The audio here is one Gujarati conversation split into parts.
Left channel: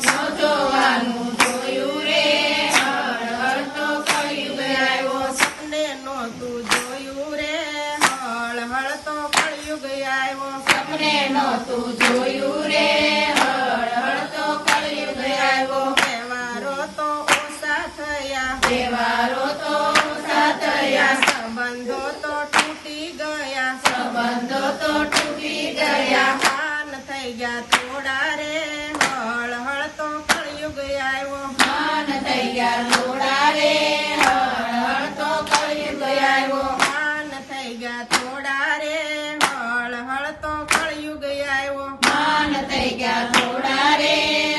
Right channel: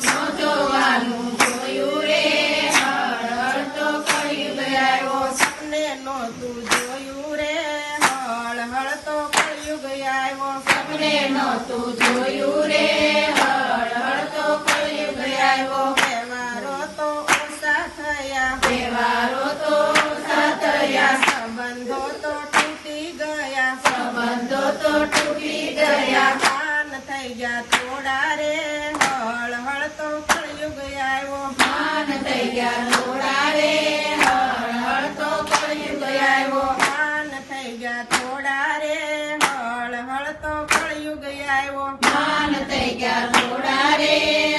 જોવાનું જોયું રે હળ હળ તો કળિયુગ આવ્યો સપને નહોતું જોયું રે હળ હળ તો કળિયુગ આવ્યો સપને નહોતું જોયું રે હળ હળ તો કળિયુગ આવ્યો તહેવારો તો ઓછા થયા તહેવારો તો ઓછા થયા સંબંધો તો તૂટી ગયા સંબંધો તો તૂટી ગયા માન થઈ ગયા થોડા રે હળ હળ તો કળિયુગ આવ્યો માન થઈ ગયા થોડા રે હળ હળ તો કળિયુગ આવ્યો માન થઈ ગયા થોડા રે હળ હળ તો કળિયુગ આવ્યો માન થઈ ગયા થોડા રે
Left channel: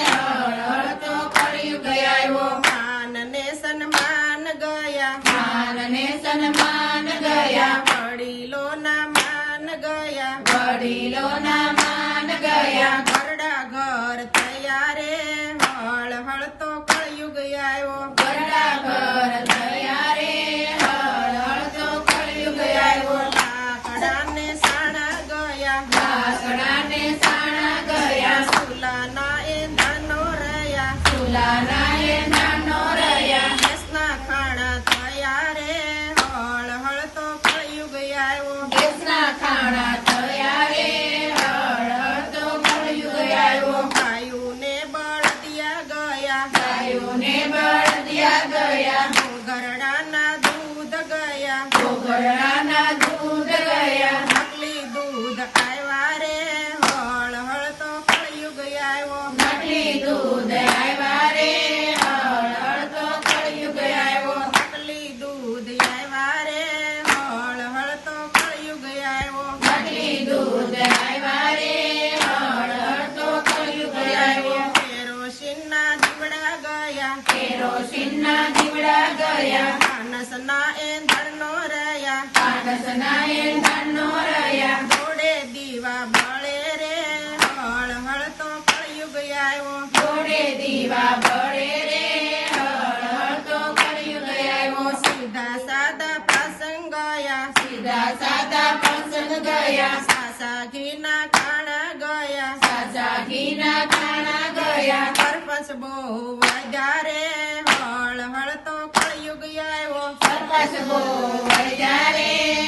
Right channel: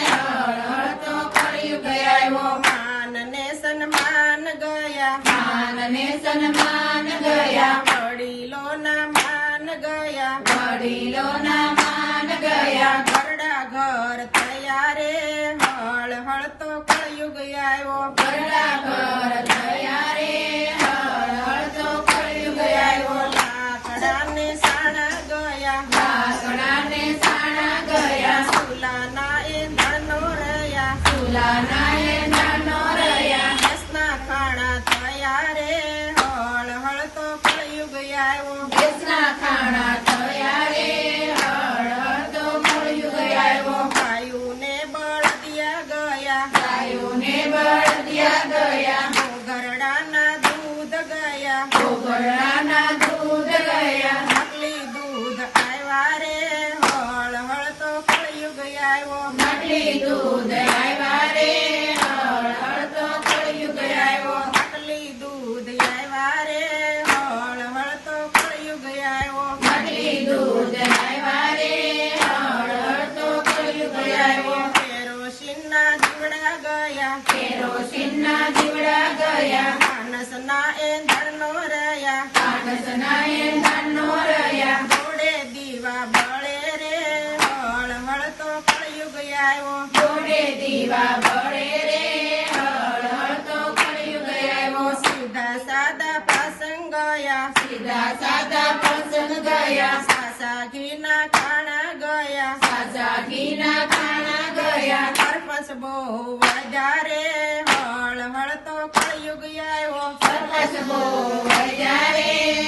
હળ હળ તો કળિયુગ આવ્યો માન ને સન્માન ગયા માન ને સન્માન ગયા વડીલો ના માન ગયા વડીલો ના માન ગયા ઘરડા ઘર થયા રે હળ હળ તો કળિયુગ આવ્યો ઘરડા ઘર થયા રે હળ હળ તો કળિયુગ આવ્યો લાકડા ને સાણા ગયા લાકડા ને સાણા ગયા સુલાના એ નાનો રહ્યા સુલાના એ નાનો રહ્યા દેશના ખાણા થયા રે હળ હળ તો કળિયુગ આવ્યો દેશના ખાણા થયા રે હળ હળ તો કળિયુગ આવ્યો ગાયું ને બળદિયા ગયા ગાયું ને બળદિયા ગયા ઘરડાના દૂધ ગયા ઘરડાના દૂધ ગયા નકલી દૂધ આવ્યા રે હળ હળ તો કળિયુગ આવ્યો નકલી દૂધ આવ્યા રે હળ હળ તો કળિયુગ આવ્યો નકલી દૂધ આવ્યા રે હળ હળ તો કળિયુગ આવ્યો નકલી દૂધ આવ્યા રે હળ હળ તો કળિયુગ આવ્યો કેરોસીનના દીવડા ગયા કેરોસીનના દીવડા ગયા માનસના એંધણનો રહ્યા માનસના એંધણનો રહ્યા જોડે દીવા બળે રે હળ હળ તો કળિયુગ આવ્યો જોડે દીવા બળે રે હળ હળ તો કળિયુગ આવ્યો સીધા સાદા પ્રસંગ ગયા સીધા સાદા પ્રસંગ ગયા સાસા ઘીના ખાણા ગયા સાસા ઘીના ખાણા ગયા પરપસ બહુ વધારે હળ હળ તો કળિયુગ આવ્યો પરપસ બહુ વધારે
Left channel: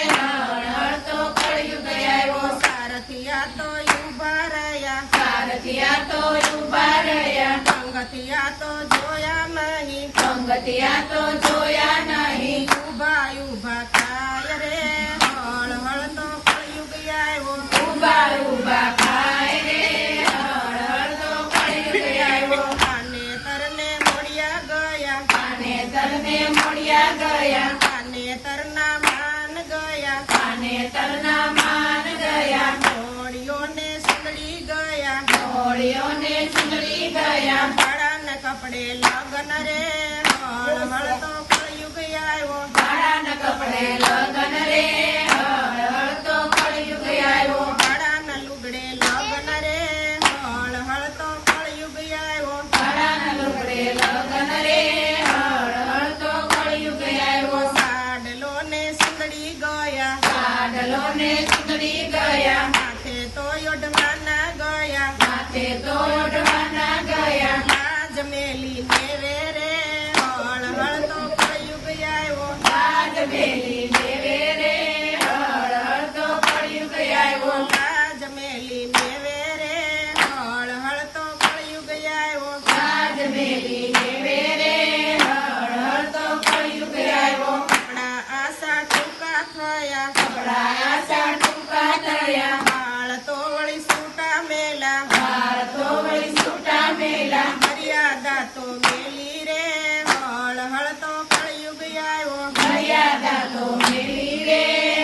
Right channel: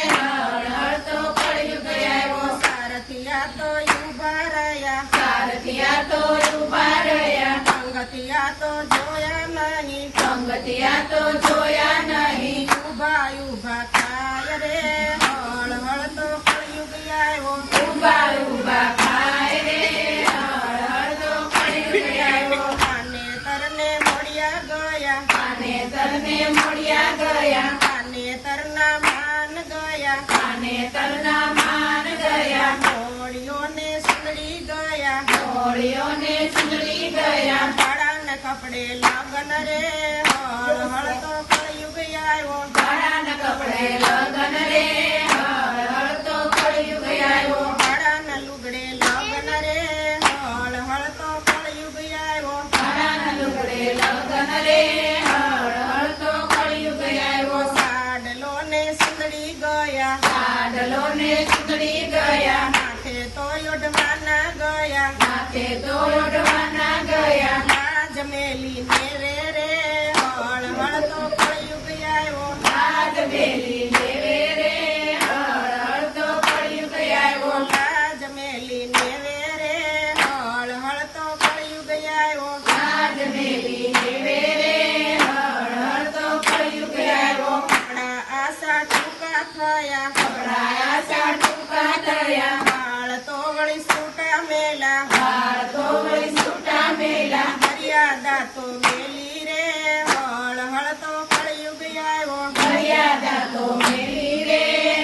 હળ હળ તો કળિયુગ આવ્યો સારથિયા તો ઉભા રહ્યા સારથિયા તો ઉભા રહ્યા સંગતિયા તો જોયા નહીં સંગતિયા તો જોયા નહીં ઉભા ઉભા થાય રે હળ હળ તો કળિયુગ આવ્યો ઉભા ઉભા થાય રે હળ હળ તો કળિયુગ આવ્યો કાને તરને મળ્યા ગયા કાને તરને મળ્યા ગયા કાને તરના માન ગયા કાને તરના માન ગયા ઘોડીઓને સુંદરી ગયા ઘોડીઓને સુંદરી ગયા ભાડાના કપડે લગન રે હળ હળ તો કળિયુગ આવ્યો ભાડાના કપડે લગન રે હળ હળ તો કળિયુગ આવ્યો ભાડાના લુગડે લગન રે હળ હળ તો કળિયુગ આવ્યો ભાડાના લુગડે લગન રે હળ હળ તો કળિયુગ આવ્યો સાડલો ને સુંદરી ગયા સાડલો ને સુંદરી ગયા માથે તો યોડવાના ગયા માથે તો યોડવાના ગયા લાજ મેલી નેવે રે હળ હળ તો કળિયુગ આવ્યો લાજ મેલી નેવે રે હળ હળ તો કળિયુગ આવ્યો લાજ મેલી નેવે રે હળ હળ તો કળિયુગ આવ્યો લાજ મેલી નેવે રે હળ હળ તો કળિયુગ આવ્યો કપડા આશા ટૂંકા થયા કપડા આશા ટૂંકા થયા વાળ તો વળી સૂટા મેલા વાળ તો વળી સૂટા મેલા મર્યાદા તો મેલી રે હળ હળ તો કળિયુગ આવ્યો મર્યાદા તો મેલી રે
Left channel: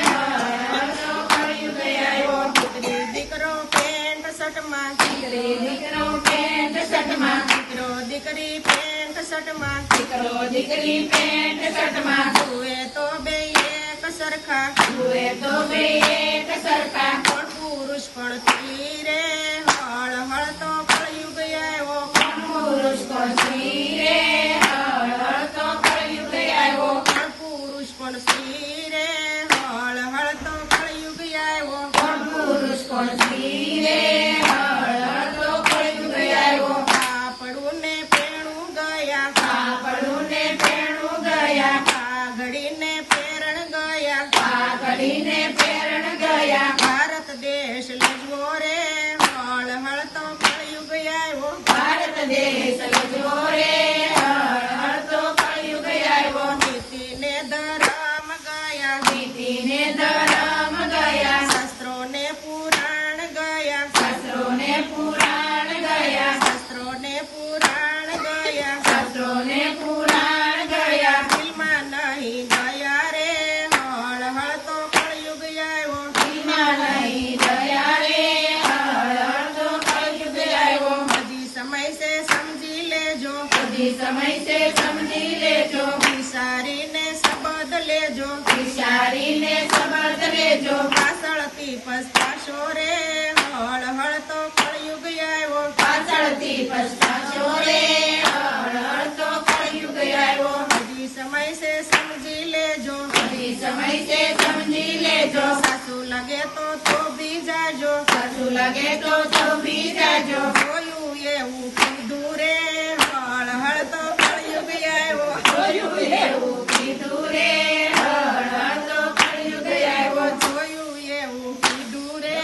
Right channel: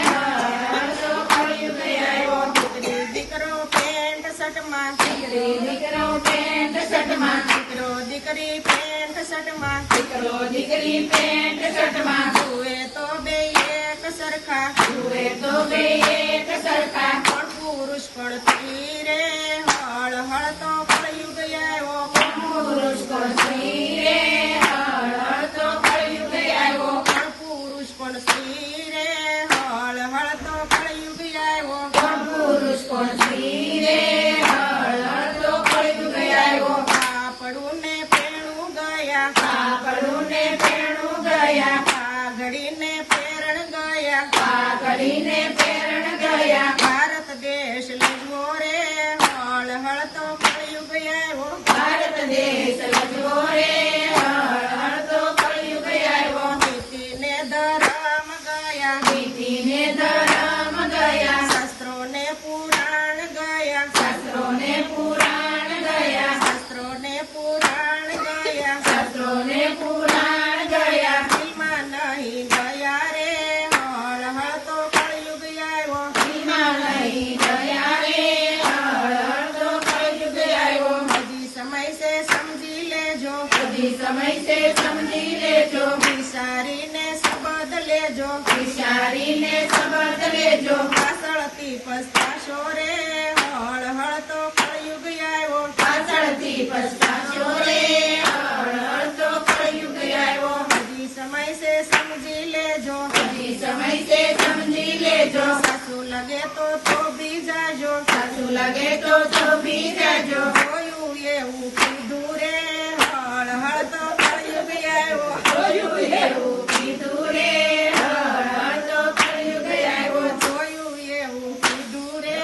હળ હળ તો કળિયુગ આવ્યો દીકરી દીકરો પેન્ટ શર્ટમાં દીકરી દીકરો પેન્ટ શર્ટમાં દીકરો દીકરી પેન્ટ શર્ટમાં દીકરો દીકરી પેન્ટ શર્ટમાં તુએ તો બે એક સરખા તુએ તો બે એક સરખા પણ પુરુષ પણ સ્ત્રી રે હળ હળ તો કળિયુગ આવ્યો પણ પુરુષ પણ સ્ત્રી રે હળ હળ તો કળિયુગ આવ્યો પણ પુરુષ પણ સ્ત્રી રે હળ હળ તો કળિયુગ આવ્યો પણ પુરુષ પણ સ્ત્રી રે હળ હળ તો કળિયુગ આવ્યો ગયા કાપડું ને પેરણું ગયા ઘડીને પેરણ ગયા પાઘડીને પેરણ ગયા ભારત દેશ લજવો રે હળ હળ તો કળિયુગ આવ્યો ભારત દેશ લજવો રે હળ તો કળિયુગ આવ્યો નીતિને ધરમ ગયા નીતિને ધરમ ગયા શાસ્ત્રોને પુરાણ ગયા શાસ્ત્રોને પુરાણ ગયા શાસ્ત્રોને પુરાણ ગયા શાસ્ત્રોને પુરાણ ગયા દિલમાં નહીં ગયા રે હળ હળ તો કળિયુગ આવ્યો દિલમાં નહીં ગયા રે હળ તો કળિયુગ આવ્યો હજી સમય છે સમજી લેજો હજી સમય છે સમજી લેજો વિચારીને શબ્દ લેજો વિચારીને શબ્દ લેજો પાછળથી પસ્તાશો રે હળ હળ તો કળિયુગ આવ્યો પાછળથી પછતાશો રે હળ તો કળિયુગ આવ્યો હજી સમય છે સમજી લેજો હજી સમય છે સમજી લેજો સાચું લગે તો થોભી જાજો સાચું લાગે તો થોભી જાજો જોયું એવું કીધું રે હળ હળ તો કળિયુગ આવ્યો જોયું એવું કીધું રે હળ તો કળિયુગ આવ્યો જોયું એવું કીધું રે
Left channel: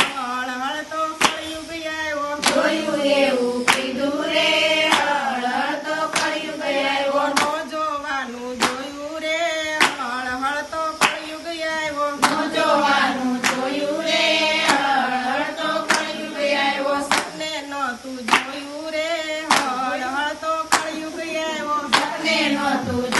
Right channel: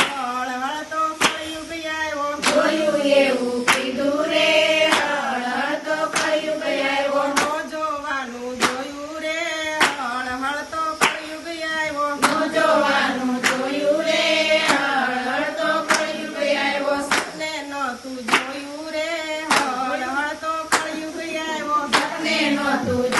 હળ હળ તો કળિયુગ આવ્યો જોયું એવું કીધું રે હળ તો કળિયુગ આવ્યો નો જોવાનું જોયું રે હળ હળ તો કળિયુગ આવ્યો નું જોવાનું જોયું રે હળ તો કળિયુગ આવ્યો સપને નહોતું જોયું રે હળ હળ તો કળિયુગ આવ્યો સપને નહોતું